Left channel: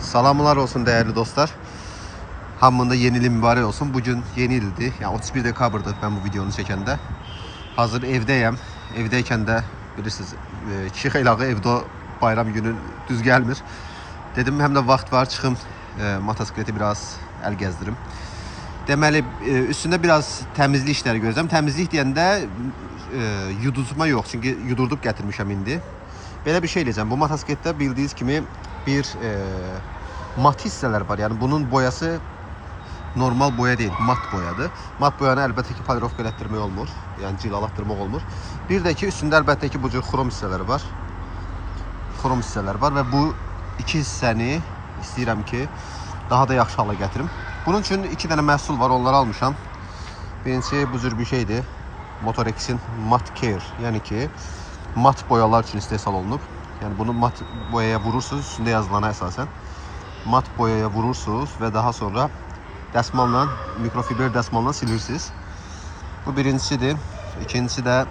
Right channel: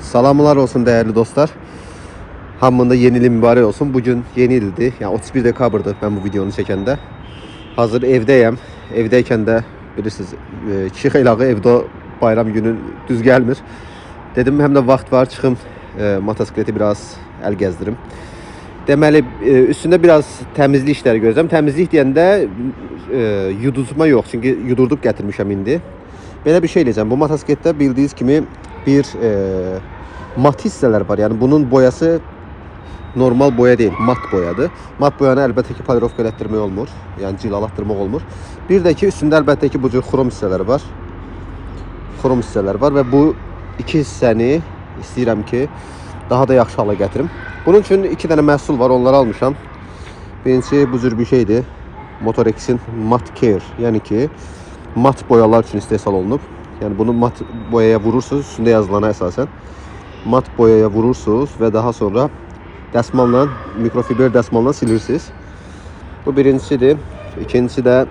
Salamlar olsun değerli dostlar. Hamında yeni il mübarək olsun. Bugün yeni ildi. Yani 31 dekabrdır ben bu videonu çəkəndə. Hazır evdeyim. Evdeyken de bilirsiniz kişi xeylağı evde bayram günü düz gelmir. Dedim hem de vaxt var çıxım motosikleti biraz el gezdirim. Deməli üstünde biraz təmizlik işləri gözləm. Təmizlik deyəndə yuduzma yox. Çünki yudurdub gətirmişəm indi. Belə bir şey eləyəcəm. Bu motosikletdə bildiyiniz kimi bir mat hissələr var. Yəni bunun boyası normal boya değil, mat boyadır. Mat boyanı əlbəttə ki polirovka elətdirmək olmur. Yəni cilalatdırmaq olmur. Bir də ki üstündə əlbəttə ki bu cür xrom hissələri var. Xrom hissələr var və bu iki hissəni istəyirəm ki daha da yaxşı hala gətirim. Bunun üçün iki dənə məhsul var, onları almışam. Birincisi bu cür bir şeydir. Motorex'in Mat Care, yəni ki mat boyalar üçün istehsal olunub. Yəni bunu mat boyaya vurursunuz, üstündə yazılana əsasən. Mat boyaya vurursunuz və daha sonra dəsmalla, mikrofiber dəsmalla silirsiniz. Bu birincisidir. İkincisi də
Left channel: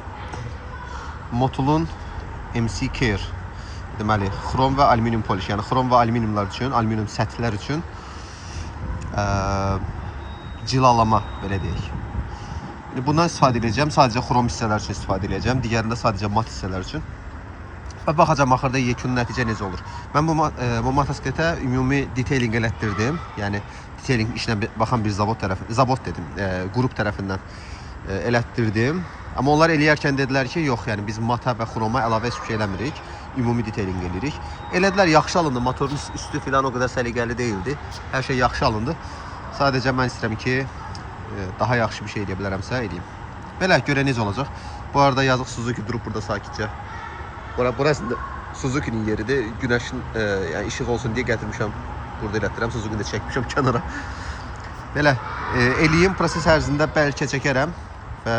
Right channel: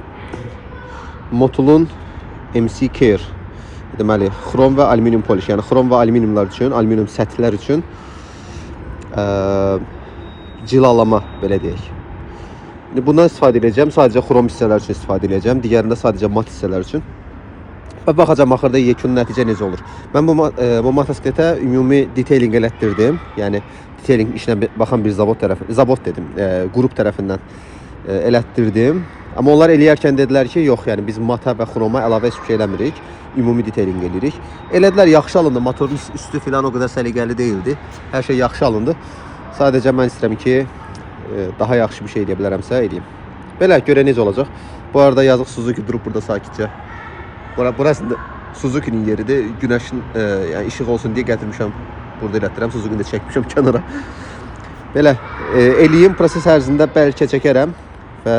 Motul'un MC Care. Deməli, xrom və alüminium poliş. Yəni xrom və alüminiumlar üçün, alüminium səthlər üçün cilalama belə deyək. Bundan istifadə edəcəm. Sadəcə xrom hissələr üçün istifadə edəcəm. Digərində sadəcə mat hissələr üçün. Və baxacağım axırda yekun nəticə necə olur. Mən bu motosikletə ümumi detailing elətdirdim. Yəni detailing işinə baxan bir zavod dedim, qrup tərəfindən elətdirdim. Amma onlar eləyərkən dedilər ki, yox, yəni biz mata və xroma əlavə heç bir şey eləmirik. Ümumi detailing eləyirik. Elədilər, yaxşı alındı. Motorun üstü filan o qədər səliqəli değildi. Hər şey yaxşı alındı. Sadəcə mən istəyirəm ki, daha yaxşı bir şey edə bilərəmsə eləyim. Belə görə necə olacaq. Bu arada yazıq Suzuki durub burada sakitcə. Burası Suzuki'nin yeridir. Güneşin yani işıq olsun diye getirmişəm. Burada elətdirəm. Suzuki'ni də çəkmişəm kənara. Belə eləyim, proses ərzində bəlkə çəkərəm və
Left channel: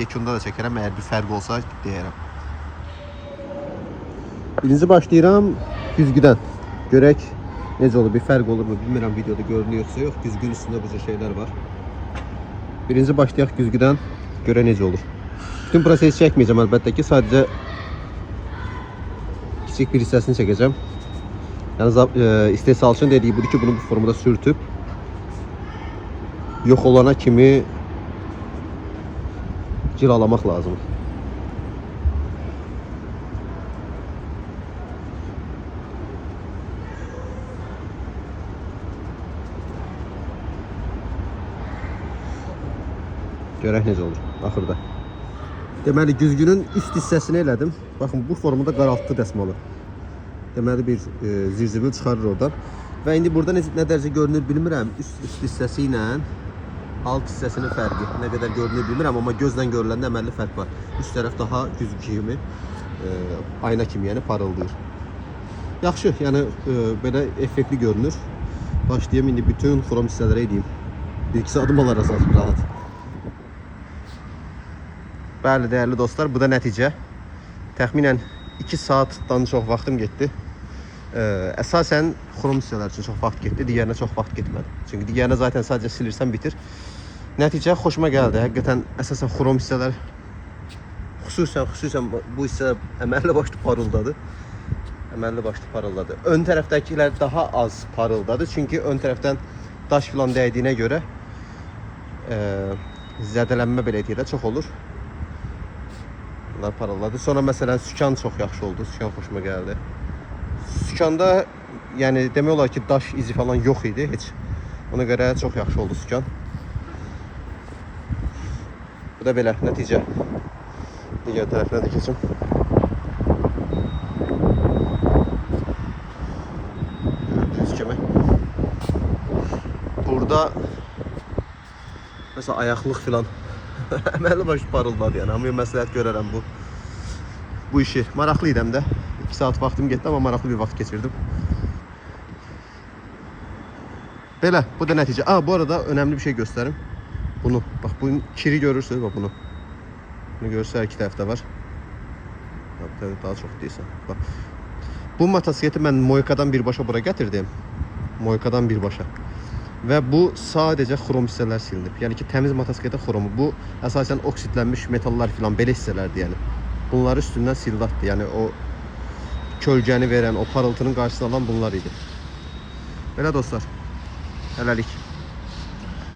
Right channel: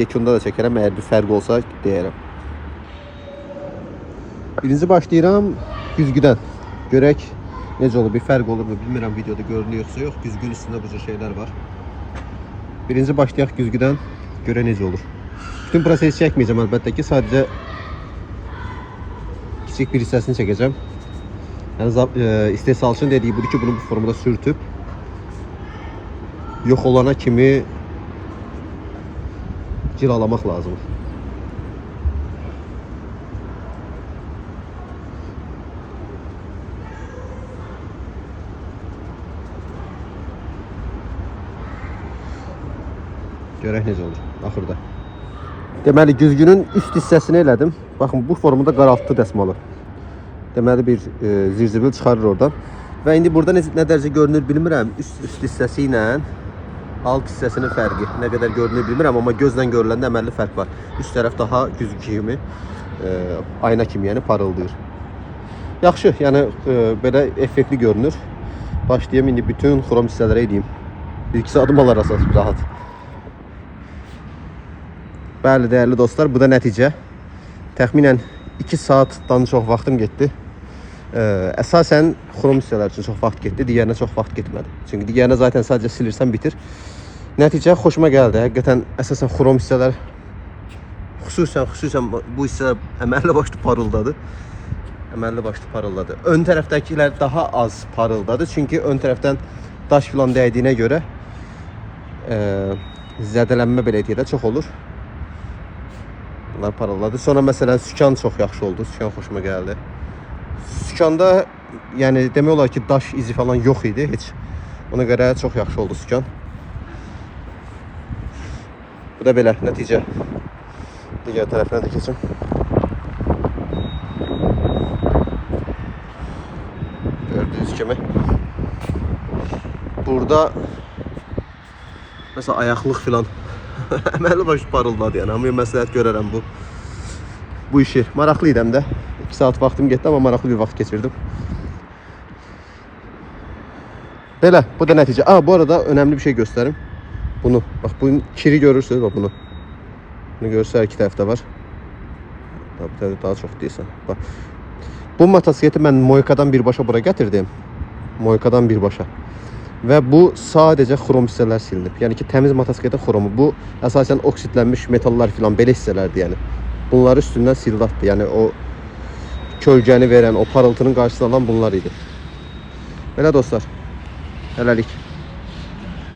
yekunda da çəkərəm. Əgər bir fərq olsa deyərəm. Birinci başlayıram güzgüdən. Görək necə olur, bir fərq olur mu bilmirəm, videoda görünüyorsa yox. Güzgün üstündə bu cür şeylər var. Birinci başlayaq güzgüdən. Görə necə olur. Bütün prosesi çəkməyəcəm əlbəttə ki, sadəcə kiçik bir hissəsini çəkəcəm. Yəni istehsalçının dediyi budur ki, bunu bu formada sürtüb yox olana kimi cilalamaq lazımdır. Görək necə olur axırda. Deməli güzgünün üst hissəsini elədim. Baxın bu formada qaraltdı dəsmalı. Deməli bir zirzibil çıxarır oradan. Və indi burada nə dərəcə görünür bilmirəm. Üst hissəsi ilə alt hissəsinin fərqi nə qədər görünür bilmirəm, amma gözlə görüləndə əməlli fərq var. Üst tərəf daha güzgü kimi, ayna kimi, yəni parıldayır. Yaxşı, yəni belə effektli görünür. Başlayayım indi bütün xrom hissələrə edeyim. Bir-ikisi adım alar əsas rahat. Bəli, dəyərli dostlar, bu da nəticə. Təxminən 2 saatdan çox vaxtım getdi. Əsasən xrom hissələr üçün çox vaxt getdi, digərinə çox vaxt getmədi. Çünki digərinə zaten sadəcə silirsən bitir. Nəticə xoşuma gəldi. Həqiqətən əsasən xrom hissələr, xüsusən bu hissələr əməlli başlı parıldadı. Əməlli başlı parıldadı. Ön tərəfdəkilər daha az parıldadı. Çünki ön tərəfdən daş filan dəydiyinə görə zədələnmə belə deyək də çox olur. Bunlar parıldadı. Sonra məsələn sükan çox yaxşı oldu. Sükan xoşuma gəldi. Sükanda yəni demək olar ki daş izi falan yox idi heç. Ona görə çox yaxşı oldu sükan. Bu da belə nəticə. Digər tərəfinə də keçim. Gördüyünüz kimi. Burada məsələn ayaqlıq filan əməlli başlı parıldadı, yəni amma məsləhət görərəm bu işi. Maraqlı idəm də. 2 saat vaxtım getdi, amma maraqlı bir vaxt keçirdim. Belə, bu da nəticə. Bu arada önemli bir şey göstərim. Bunu, bax bunun kiri görürsünüz, bax bunu. Bunu görürsə iki tərəfdə var. Bir tərəfdə daha çox deyirsən. Bax. Bu motosikleti mən Moykadan birbaşa bura gətirdim. Moykadan birbaşa. Və bu sadəcə xrom hissələr silinib. Yəni ki təmiz motosikletin xromu. Bu əsasən oksidlənmiş metallar filan belə hissələrdir yəni. Bunları üstündən sildatdı. Yəni o kölgəni verən, o parıltının qarşısını alan bunlar idi. Belə dostlar. Hələlik.